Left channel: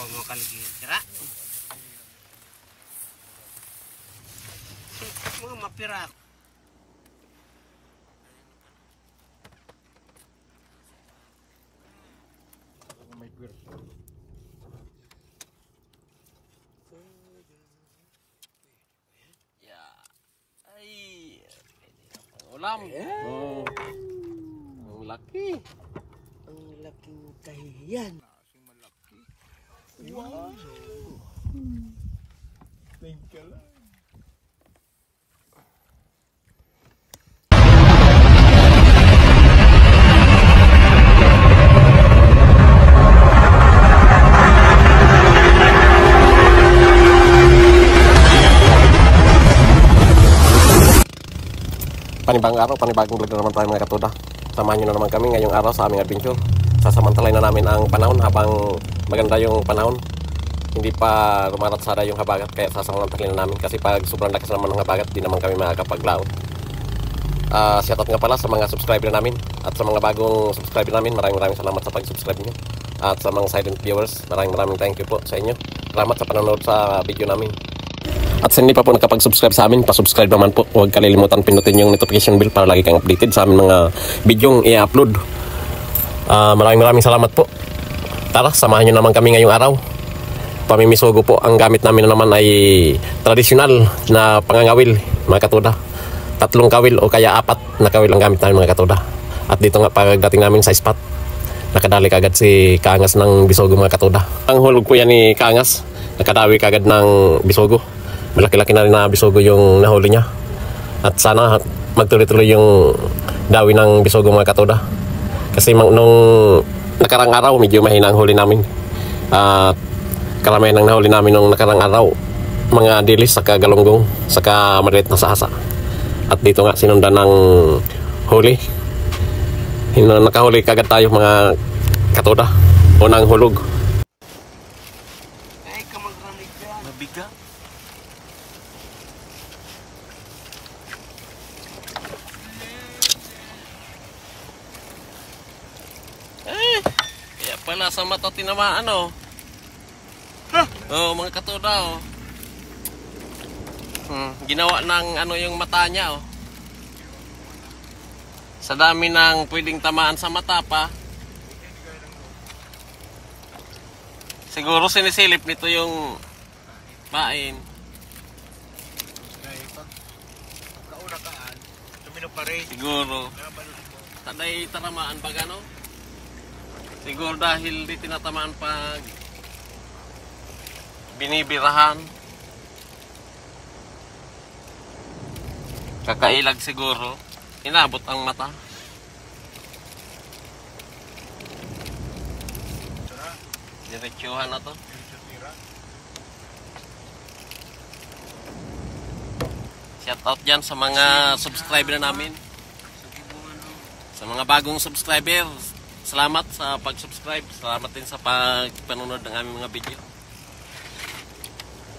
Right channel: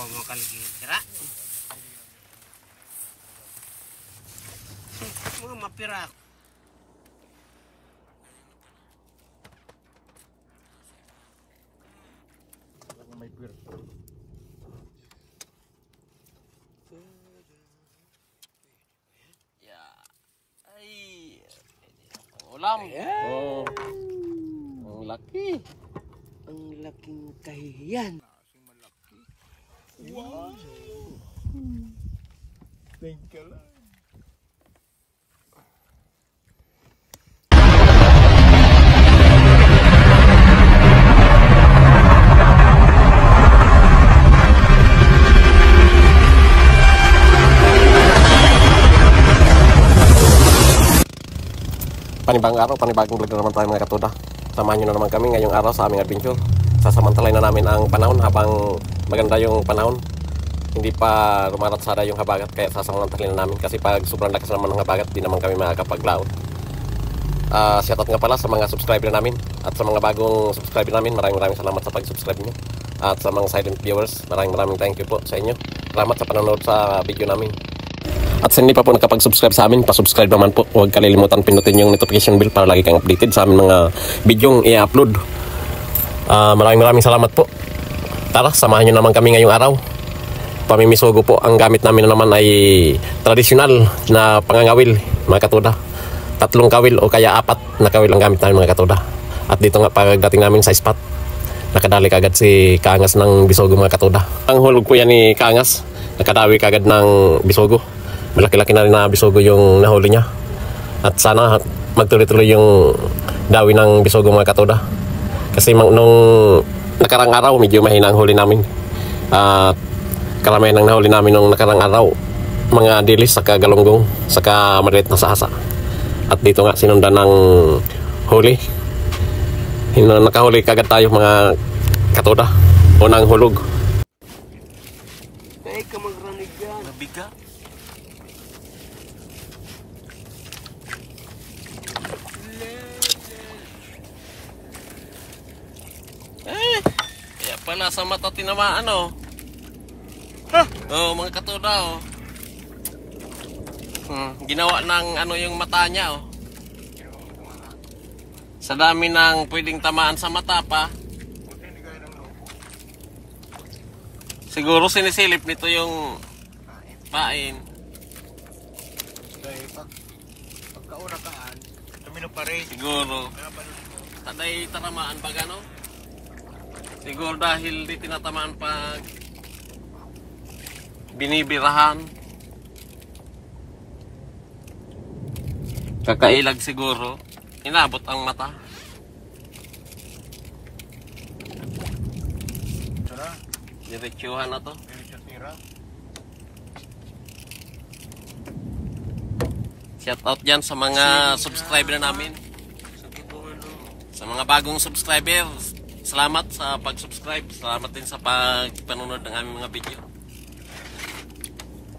Kapag mo kan kira. Mga mapira. May pir. Ya. Ay. Ulam. Oh. Ang laki. Ang laking kahihiyan. Wow. Thank you lang. Panibagong araw, panibagong vlog na naman tayo mga katuda. Samahan nyo na naman kami ngayong araw sa aming adventure. Sasamantalay na namin ang panahon habang maganda yung panahon. Hindi pa rumaratsada yung habagat, kaya sasamantalay na namin. Kasi pag sobrang lakas naman ng habagat, di naman kami makakapaglaot. Shoutout nga pala sa mga subscriber namin. At sa mga bagong subscriber namin, maraming salamat sa pag-subscribe nyo. At sa mga silent viewers, maraming thank you po sa inyo. Salamat sa panonood sa video namin. At sa hindi pa po nakapag-subscribe sa amin, pa-subscribe naman po. Huwag kalilimutan pinutin yung notification bell para lagi kang updated sa aming mga bidyong i-upload. Maraming salamat po. Tara, samahan nyo naman kami ngayong araw. Pamimisugo po. Ang gamit namin na naman ay tradisyonal na pangangawil, mga katuda. 3 kawil o kaya 4 na kawil ang gamit namin, mga katuda. At dito nga pagdating namin sa spot, nakadali kagad si Kaangas ng Bisogo, mga katuda. Ang hulog po yan ni Kaangas, nakadawi kagad ng Bisogo. Malaki-laki na rin na Bisogo yung nahuli niya. At sana magtuloy-tuloy yung dawi ng Bisogo, mga katuda. Kasi nung nakarang araw, medyo mahina ang huli namin. At karamihan ng nahuli namin nung nakarang araw, mga dilis, saka galunggong, saka maliit na sahasa. At dito nga sinundan ng huli. Nakahuli kagad tayo, mga katuda. Unang hulog. Ay, kamagranig dyan. Mabigat. Kaya pala sa mata tinamaan, oh. Ha? Oh, mga katuda, oh. Ginawa ng ano yung mata niya, oh. Sa dami ng pwedeng tamaan sa mata pa. Siguro sinisilip nito yung pain. Dahil pagkauna kaan, tumino pa rin. Siguro. Taday tanamaan ba gano? Siguro dahil di tinatamaan pag binibirahan. Kakailag siguro. Inabot ang mata. Diretsuhan na to. Shout out dyan sa mga subscriber namin. Sa mga bagong subscriber, salamat sa pag-subscribe. Salamat din sa pagpanonood ng aming mga video.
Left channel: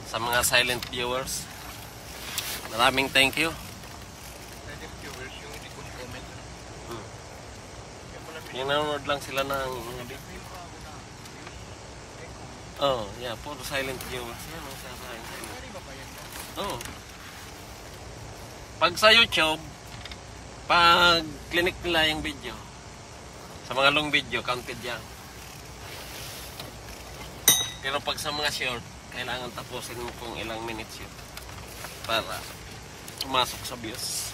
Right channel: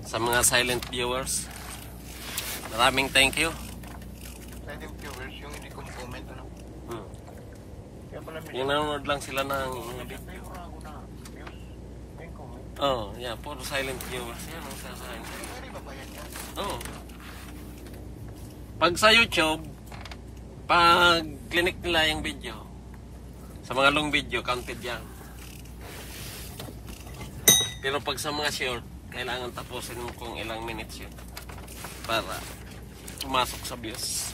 Sa mga silent viewers, maraming thank you. Yung nanonood lang sila ng mga video. Oh, yeah, puro silent viewers. Yan ang silent. Oh. Pag sa YouTube, pag clinic nila yung video, sa mga long video, counted yan. Pero pag sa mga short, kailangan tapusin mo kung ilang minutes yun para pumasok sa views.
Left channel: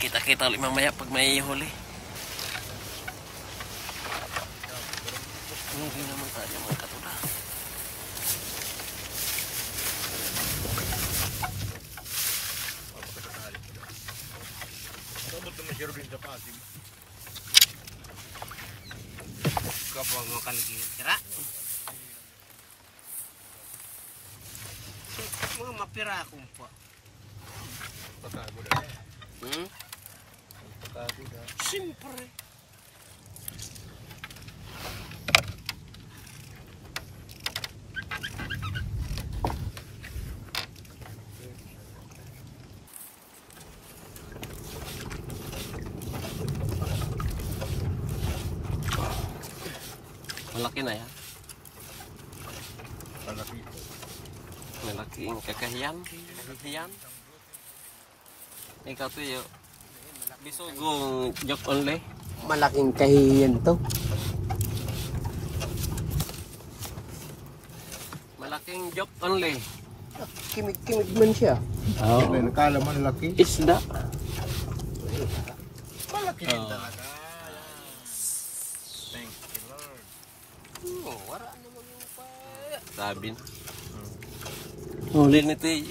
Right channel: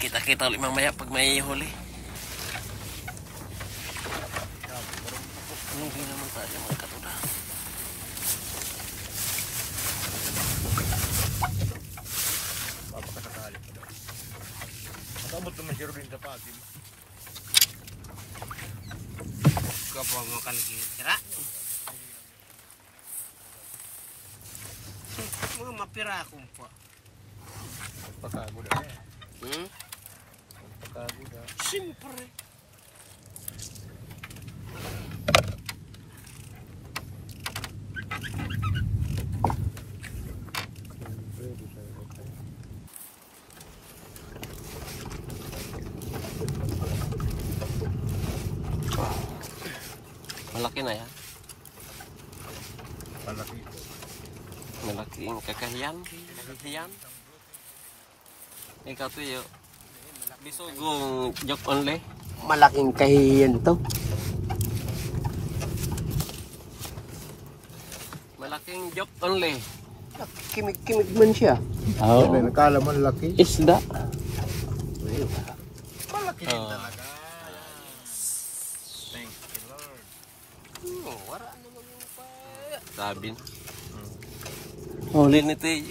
Kita-kita ulit mamaya pag may huli. Hindi naman tayo mga katuda. Kapag mo kan kira. Mga mapira ako po. Siyempre. Malaki na yan. Malaki ito. Malaking kakahiyan. Kakahiyan. Ikaw to yun. Bisugong joke only. Malaking kahiyan to. Malaking joke only. Kimig-kimig man siya. Oh. Yan ay nakala mo laki. Isda. Malaki din talaga. Thank you, Lord. Oh, wala naman yung pa. Sabi na. Huli nito eh.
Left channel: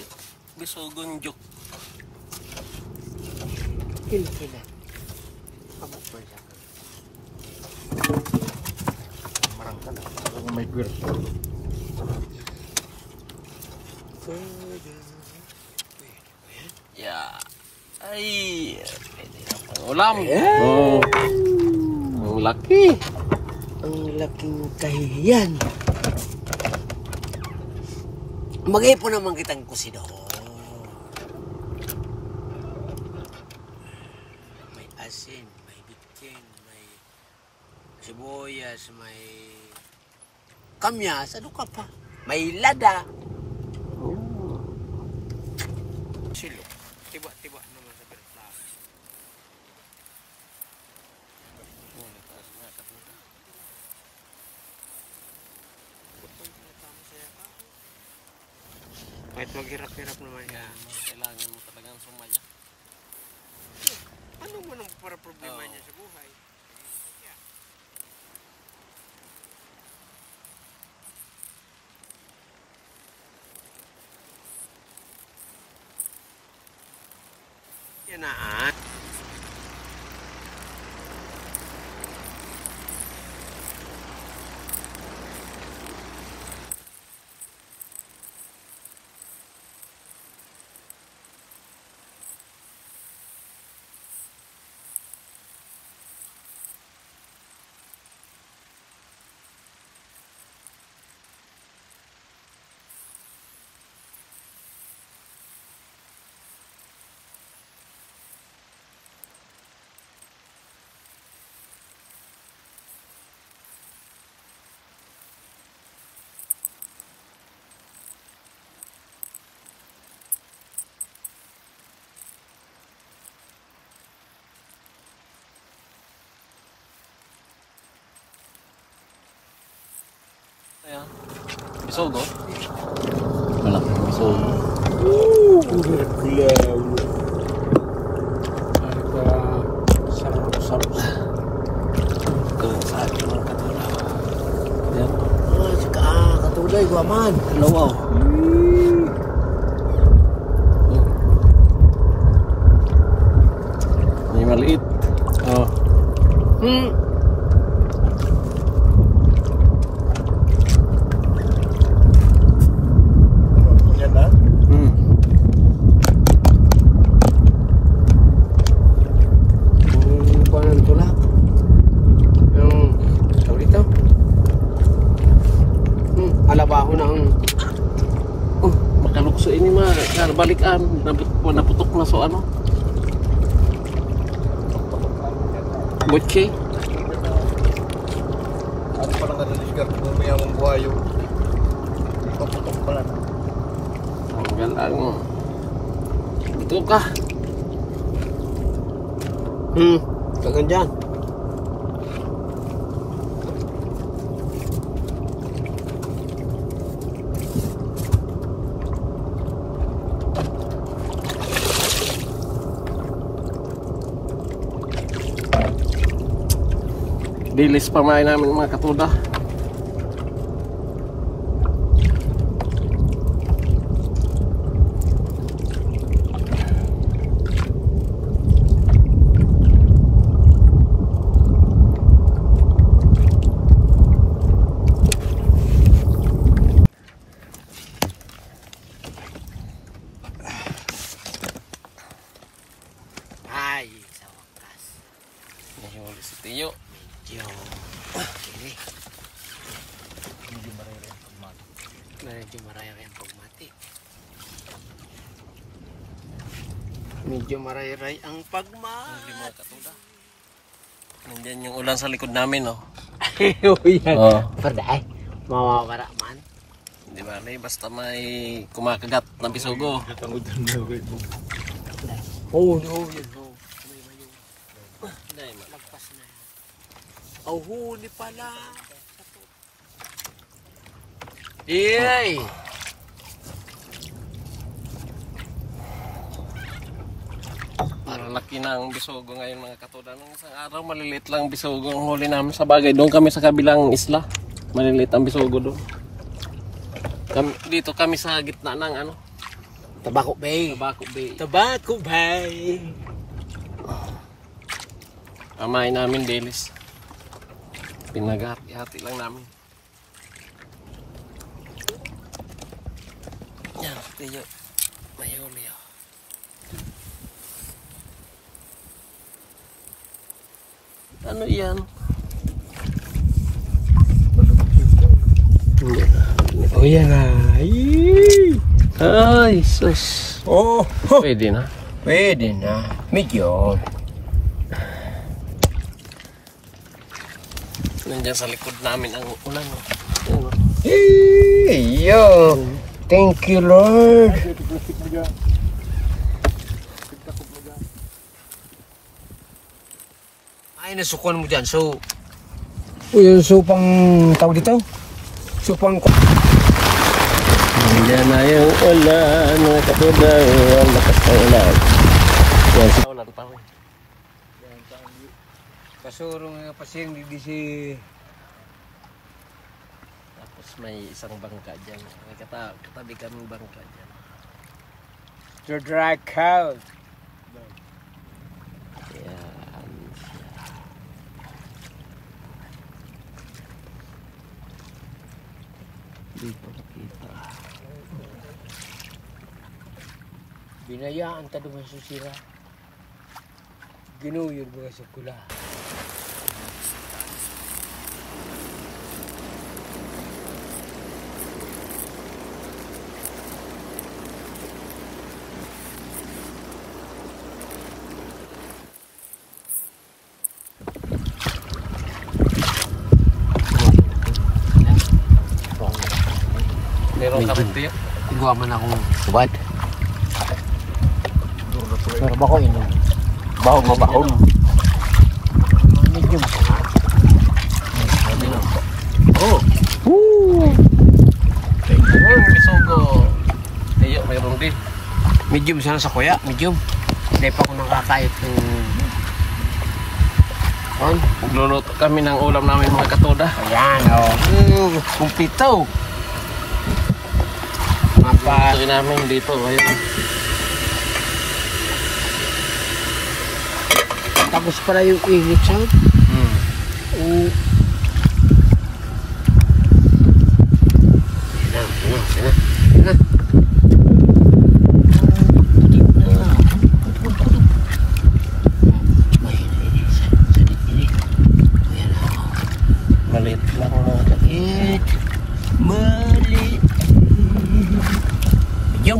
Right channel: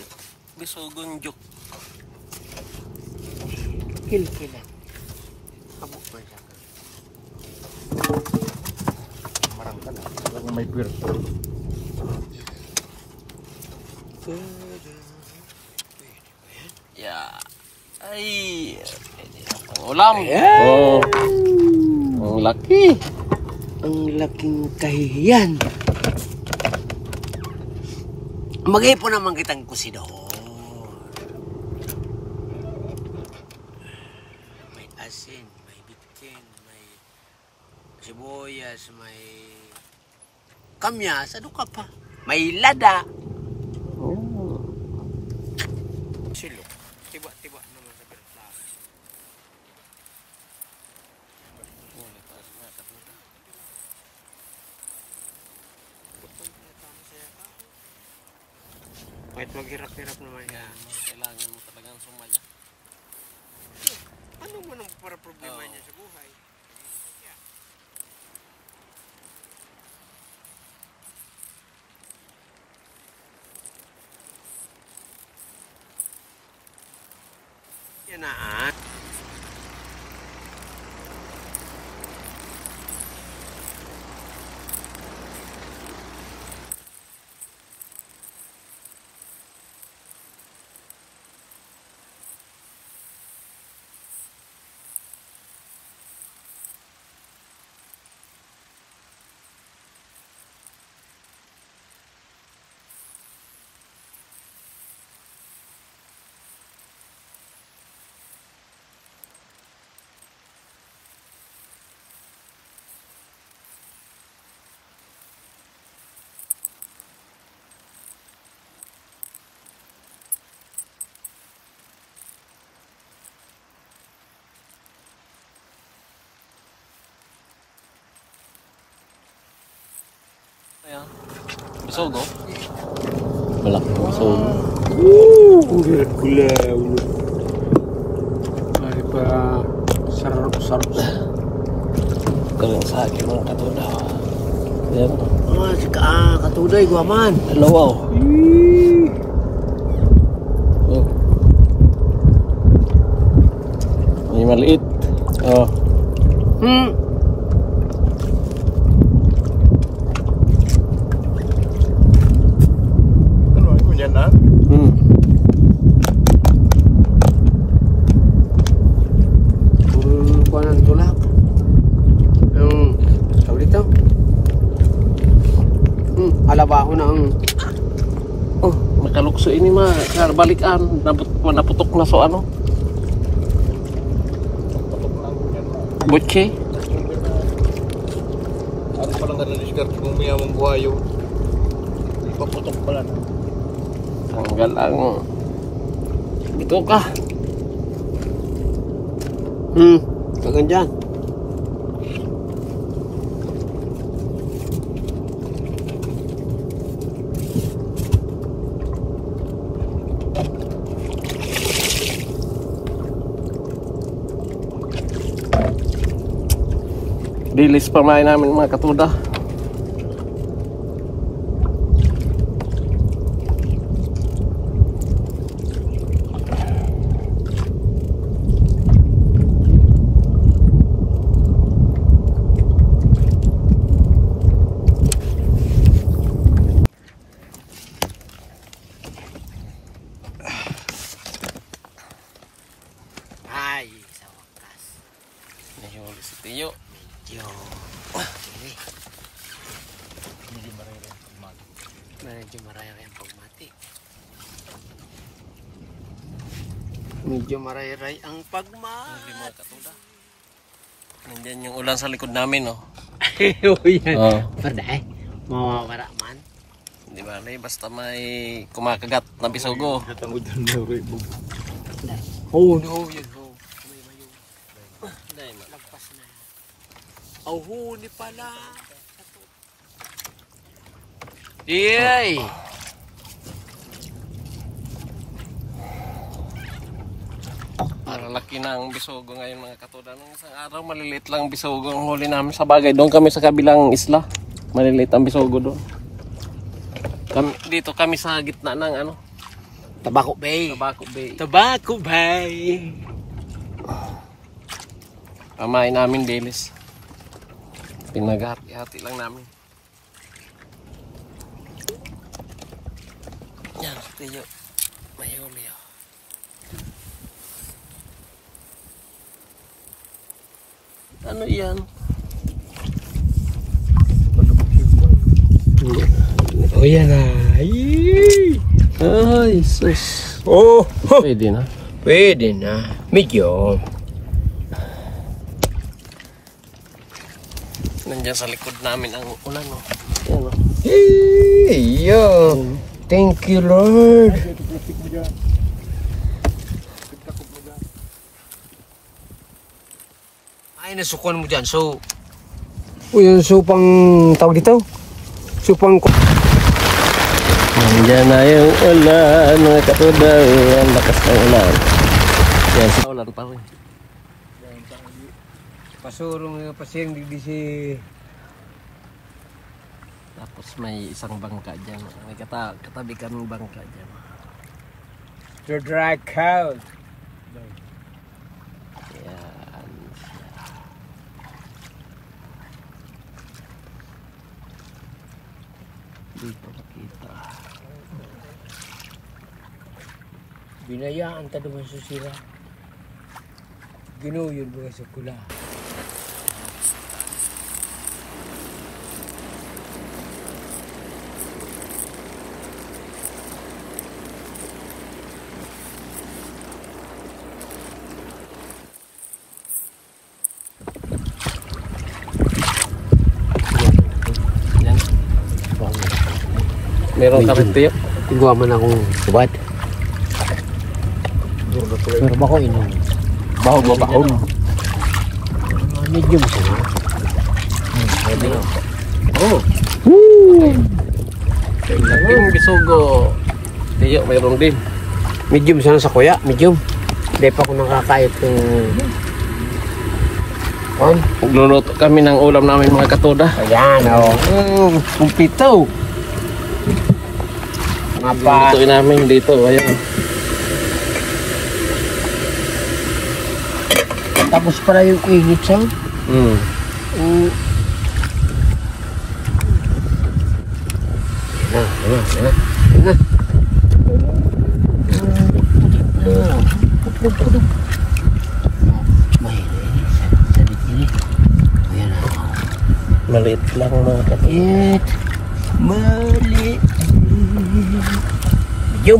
Bisugong joke. Kil-kilan. Abo ko siya. Marang ka na. Kung may pwerto. Yeah. Ay. Pang ulam. Ayan. Oh. Ang laki. Ang laking kahiyan. Mag-ipon naman kitang kusidor. May asin, may bitkin, may sibuyas, may kamyas. Ano ka pa? May lada. Silok. Tiba-tiba naman sa pinaglakas. Kahit maghirap-hirap naman yan. Kailangan mo talagang sumaya. Ano mo nang para problema niya sa buhay? Yan na. Ayan. Bisogo. Malaking bisogo. Gulaw. Ay para sarap-sarap. Kaya sa akin mga katulaw. Ayan. Katulay, guaman. Lawaw. Oh. May maliit. Oh. Ano yan na? Kuha ng tulak. Yung, tawag dito. Alabaho ng... Oh, nakalukso ini ma. Balikan. Naputok na so ano. Butche. Ano palang na-discard kung may amang buhayo? Paputok pala na. Tanggal ang... Ito ka. Kagan dyan. Dilis pa main namin mga katuda. Ay, sa wakas. Nahihuli si Tiyo. Medyo maraya ang pagmati. Medyo maraya ang pagmati. Mga katuda. Nandiyan yung ulan sa likod namin, oh. Yan. Oh. Perday. Mawawara man. Di ba, basta may kumakagat na bisugo. Oh, no, yan ho. May mayo. Dahil man. Lagpas na. Oh, huli pala. Yay! Parang laki na ang bisugo ngayon mga katuda. Nung isang araw, maliliit lang ang bisugo ang huli namin sa bagay. Doon kami sa kabilang isla. Maliliit ang bisugo doon. Dito kami sa gitna ng ano, Tabako Bay. Tabako Bay. Tabako Bay. Pamain namin dilis. Pinaghati-hati lang namin. Yan, tiyo. Mayo. Ano yan? Oh, yan na. Ay, sus. Oh, Pwede na. pwede na. Medyo. Nandiyan sa likod namin ang ulan. Oh. Yan, oh. Yo. Thank you, Lord. Ay, nasukuan mo dyan. So, yung supang tawag dito? Supang... Nandiyan na yung ulan, mga katuda. Ang lakas ng ulan. Ulan pa rin. Pasurong nga pasiyang di si... Tapos may isang bangka dyan. May katabi kaming bangka dyan. The dry cow. Yan. Dito nakita. Binayaan ta naman sa sira. Ginuyod mo sa kula. Yan. Meron ka rin tiyo? Tingwa man akong subad. Pero ba ko ini? Baho mo baon. Medium ko na. Pwede na. Oh. Okay. Laking bisugo. Tiyo, mayroon din. Medium sana sa kuya, medium. Hindi pa ako nakakayot ng... On? Magluluto kami ng ulam namin mga katuda. Ayan, oh. Kumpito. Mapa. Lutuin namin dito. Ayan. Tapos pala yung init siya. Yan na. Maliit lang mga katuda. Maliit. Medium.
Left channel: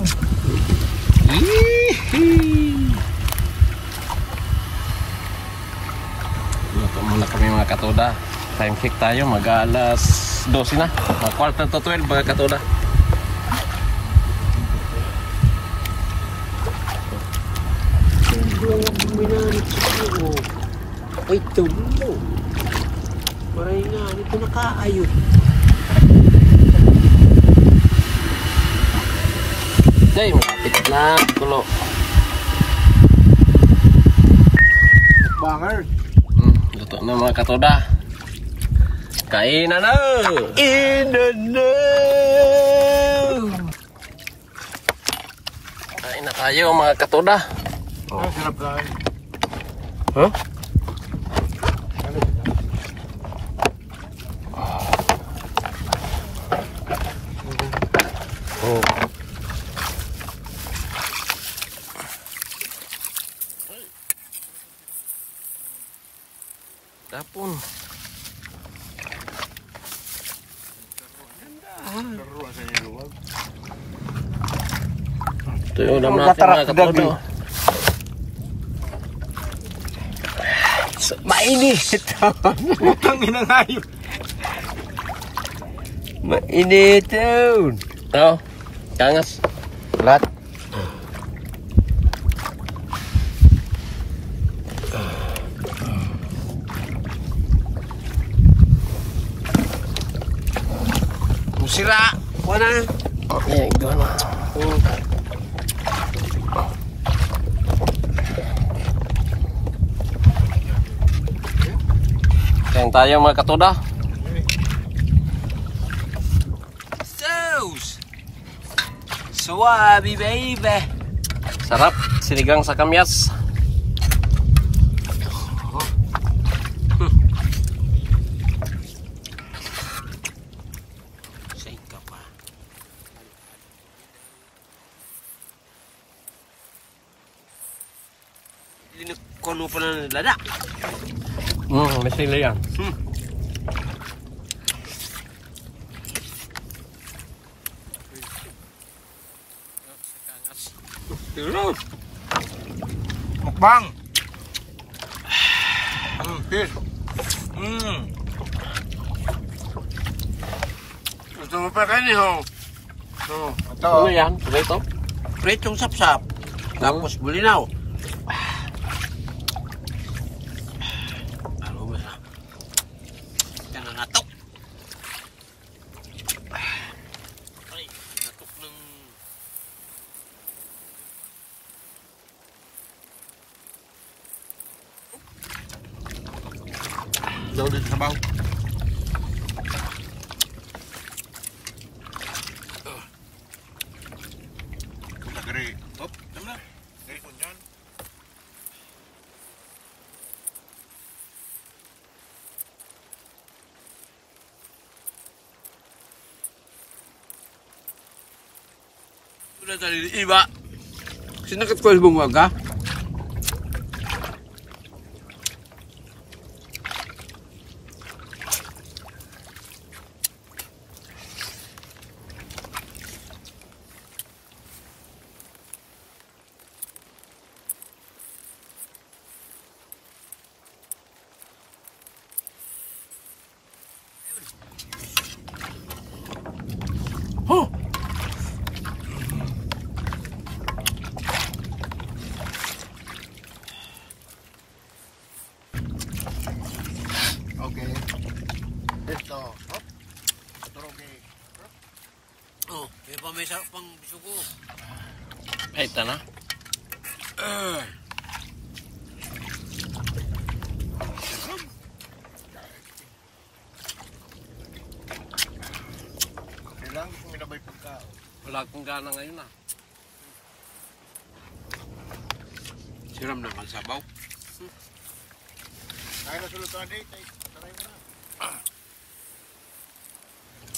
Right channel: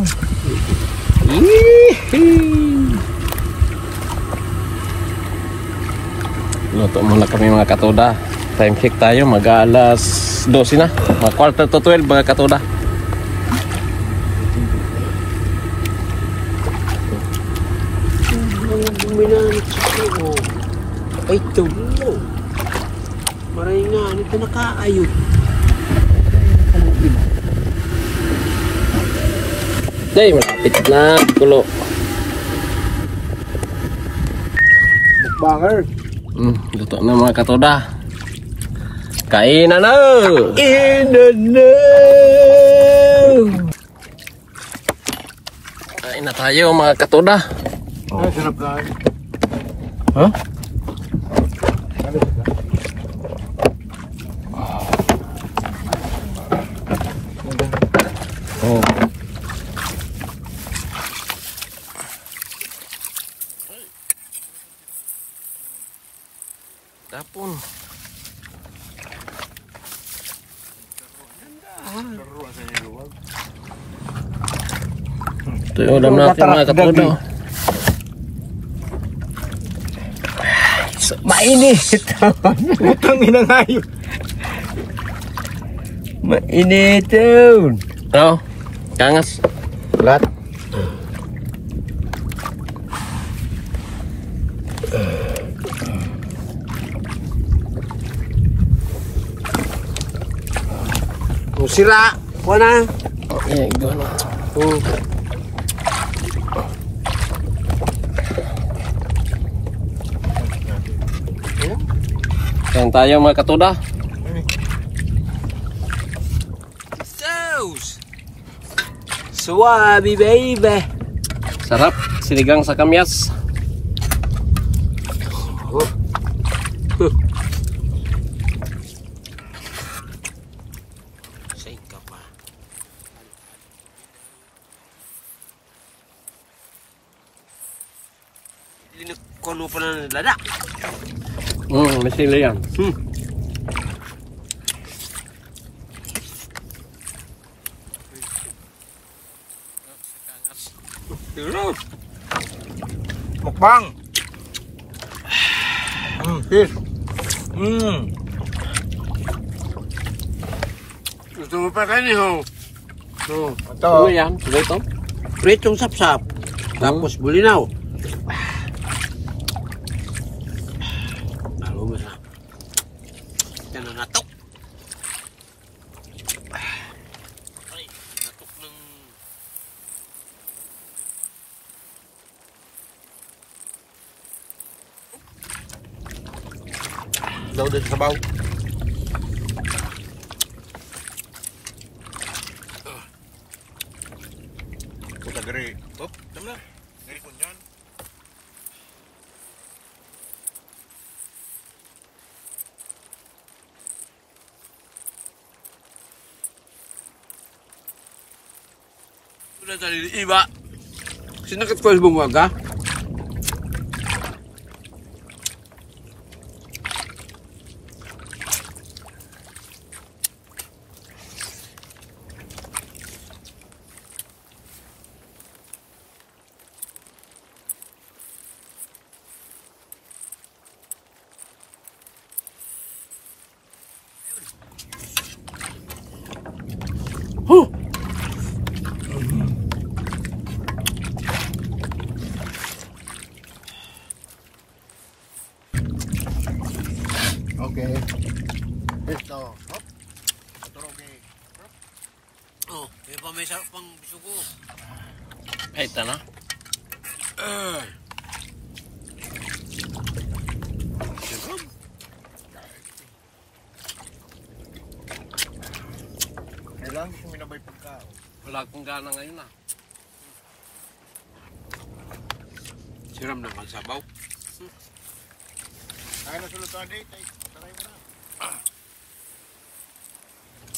Luto muna kami mga katuda. Time check tayo, mag-alas 12 na. Mga quarter to 12 mga katuda. Ay, tubo. Maray nga, ito nakakayot. Day, malapit na. Kulo. Banger. Luto na mga katuda. Kainan na! Kain na tayo mga katuda. Sarap na. Huh? Oh. Tapon. Ito yung ulam natin mga katuda. Mainit. Utang ina ngayon. Mainit yun. Ano? Kangas. Lahat. Kung sira, wala. Iya, gimana? Kain tayo mga katuda. Sauce. Suwabi, baby. Sarap, sinigang sa kamyas. Say ka pa. Kono pa na lada. May sila yan. Mukbang. Fish. Gusto mo pa kanin ho? So, Ano yan? Ito? pritong sapsap. Tapos bulinaw. Lalo mo na. Yan na natok. Ay, natok ng... Daw din sa baw. Puta gari. Top, tama na. Gari ko dyan. Sudah tadi iba. Sinakat ko sa bunga. Okay. Ito. Hop. Turugi. Oh, may pa may sarap pang bisugo. Ay, ito na. Kailangan ko minabay pagka. Wala akong gana ngayon ah. Siram na kan sabaw. Kaya na sulutan dito. Taray mo na.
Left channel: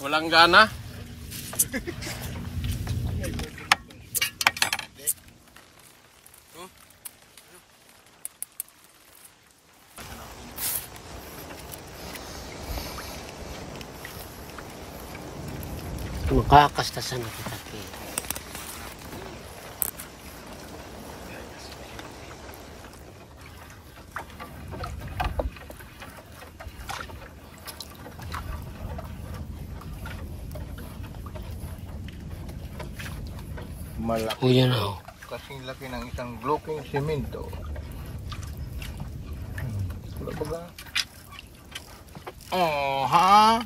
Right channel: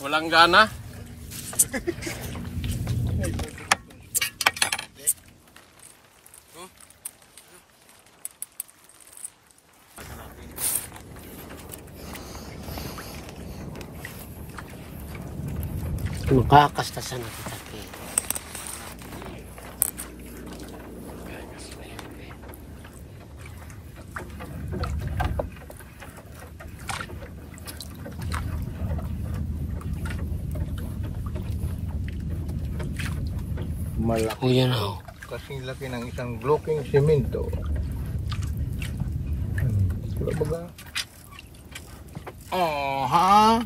Walang gana. Nakakastasan ako kasi. Malaki. Yan o. Kasing laki ng isang blocking semento. Wala baga. Oh, ha?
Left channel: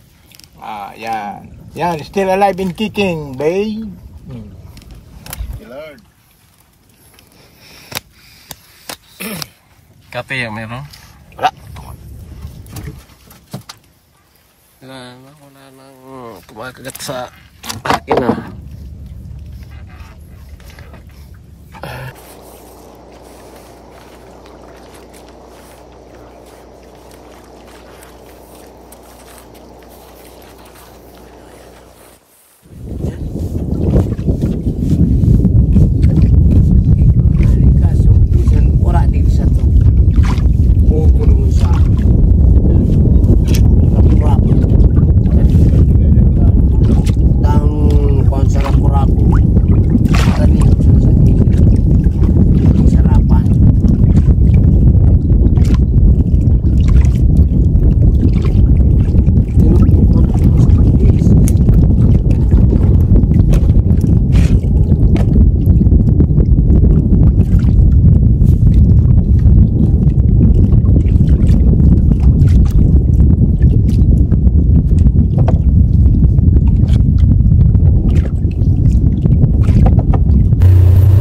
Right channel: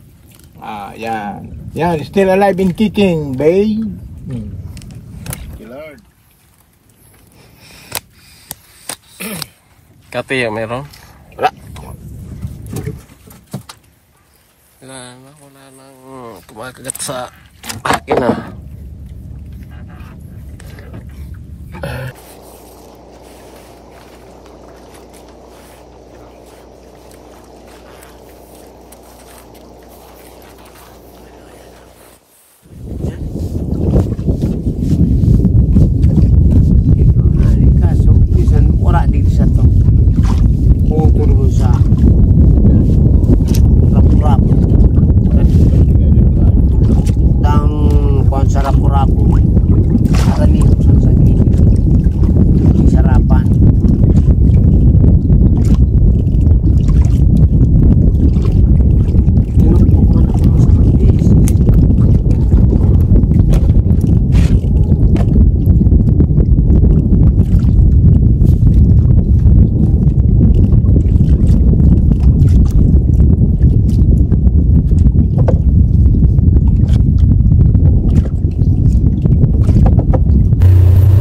Ah, yan. Yan, still alive and kicking, babe. Lord. Kape ya meron? Wala. Wala nang kumakagat sa akin ah. Kaso, bisan ora dito sa to. Putol sa rap-rap. Dang kuwan sa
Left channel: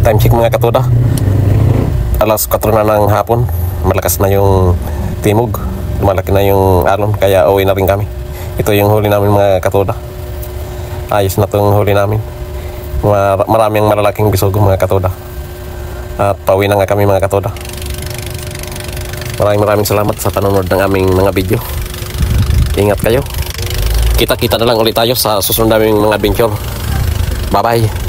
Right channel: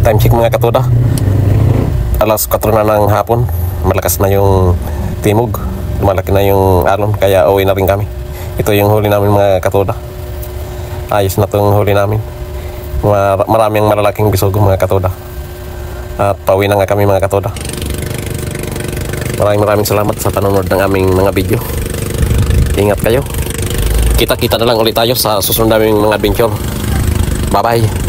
time check mga katuda. Alas 4 na ng hapon. Malakas na yung timog. Lumalaki na yung alon, kaya uwi na rin kami. Ito yung huli namin mga katuda. Ayos na itong huli namin. Maraming malalaking bisogo mga katuda. At pauwi na nga kami mga katuda. Maraming salamat sa panonood ng aming mga video. Ingat kayo. Kita-kita na lang ulit tayo sa susunod naming mga adventure. Bye-bye.